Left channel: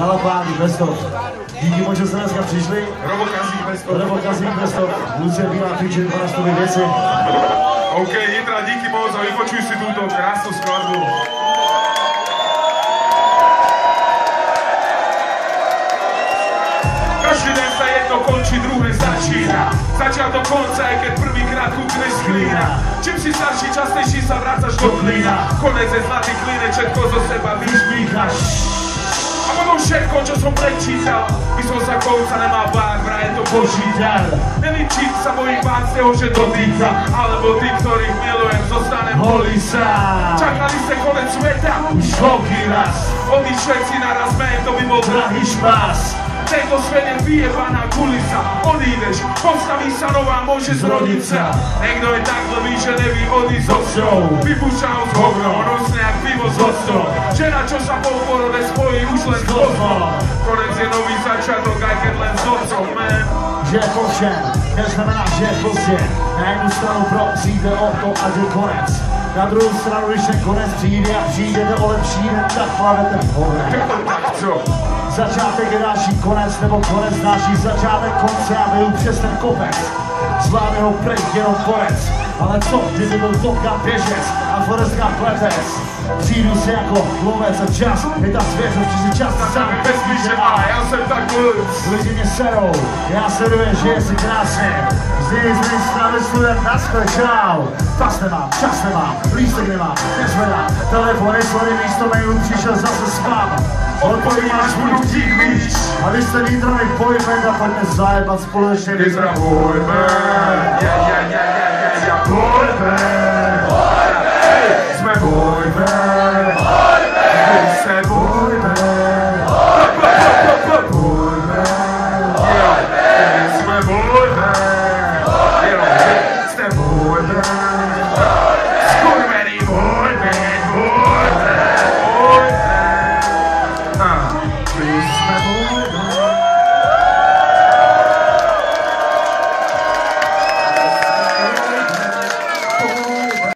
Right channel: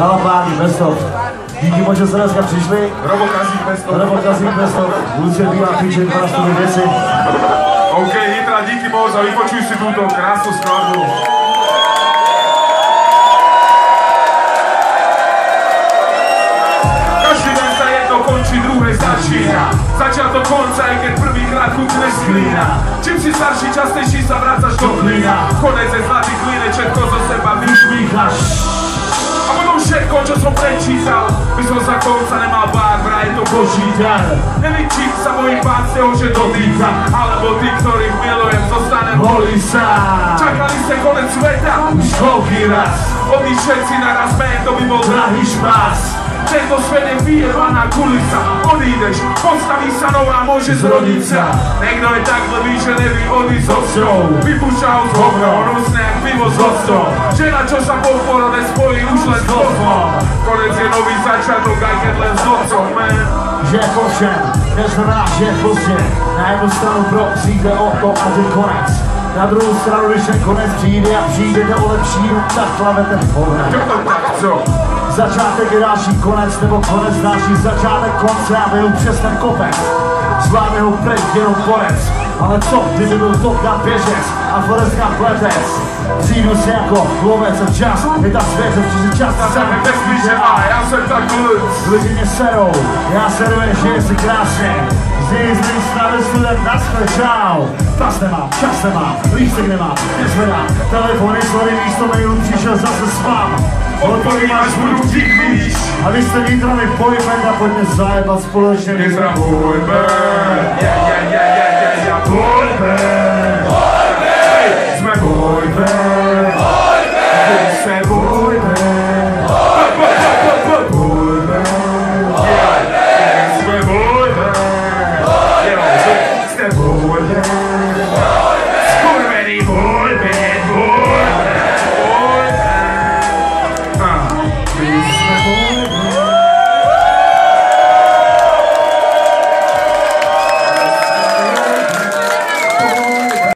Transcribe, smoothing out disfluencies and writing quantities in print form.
Galapáky, Bestov. Díky moc, že jste dneska přišli. Robokazík, Bestov. Lucie Bílá, Piček, 12 věci. OK, Nitra, díky moc a vypočuj si túto krásnu skladbu. Každý den sa jedno končí, druhé začína. Začiatok konca je, keď prvýkrát chutne z klína. Čím si starší, častejší sa vrácaš do klína. Konec je zlatý klínec, všetko zo seba vyšmíchaš. A potom všetko, čo som prečítal, by som za konca nemal bát, vraj to počítal. Nevím, čím sa bojím bát z toho, že dotýka, alebo tí, ktorých milujem, zostanem holý sám. Čakali ste konec sveta, už koľký raz. Odísť všetci naraz men, to by bol drahý špás. Tento svet je vyjebaná kulisa, odídeš, postaví sa nová, môže zrodiť sa. Niekto je tak blbý, že neví odísť ostrov. Vypúšťa ho z hovno, rusne jak pivo z ostrov. Žena, čo sa po porode spojí, už len s kozmom. Konec je nový začiatok, aj keď len s otcom, man. Že je pozdě, neznamená, že je pozdě. Na jednu stranu přijde o to a že konec. Na druhou stranu, když ten konec přijde a přijde nebo lepší, tak plavete v hovně. Začátek je další konec, nebo konec další začátek konce a vyjdu přes ten kopec. Zvládne ho pryč jenom porec. Ale co, kdyby byl Topka běžec a Forrest Gump letec? Přijdu si jako lovec a čas, je ta svěřev, že si čas sami bezpíše má. Já jsem tak lidi mě serou, já serujem, že je si krásně. Zlý stavy student na své, čau. Pas nemá, čas nemá, lístek nemá, nezvedá. Telefon je svary místo mailů, přišel zase spát. Odpoví máš budu vždyť víš. A když jste vnítrali pojďme a pojďme zajebat společně. Pojďme. Pojďme.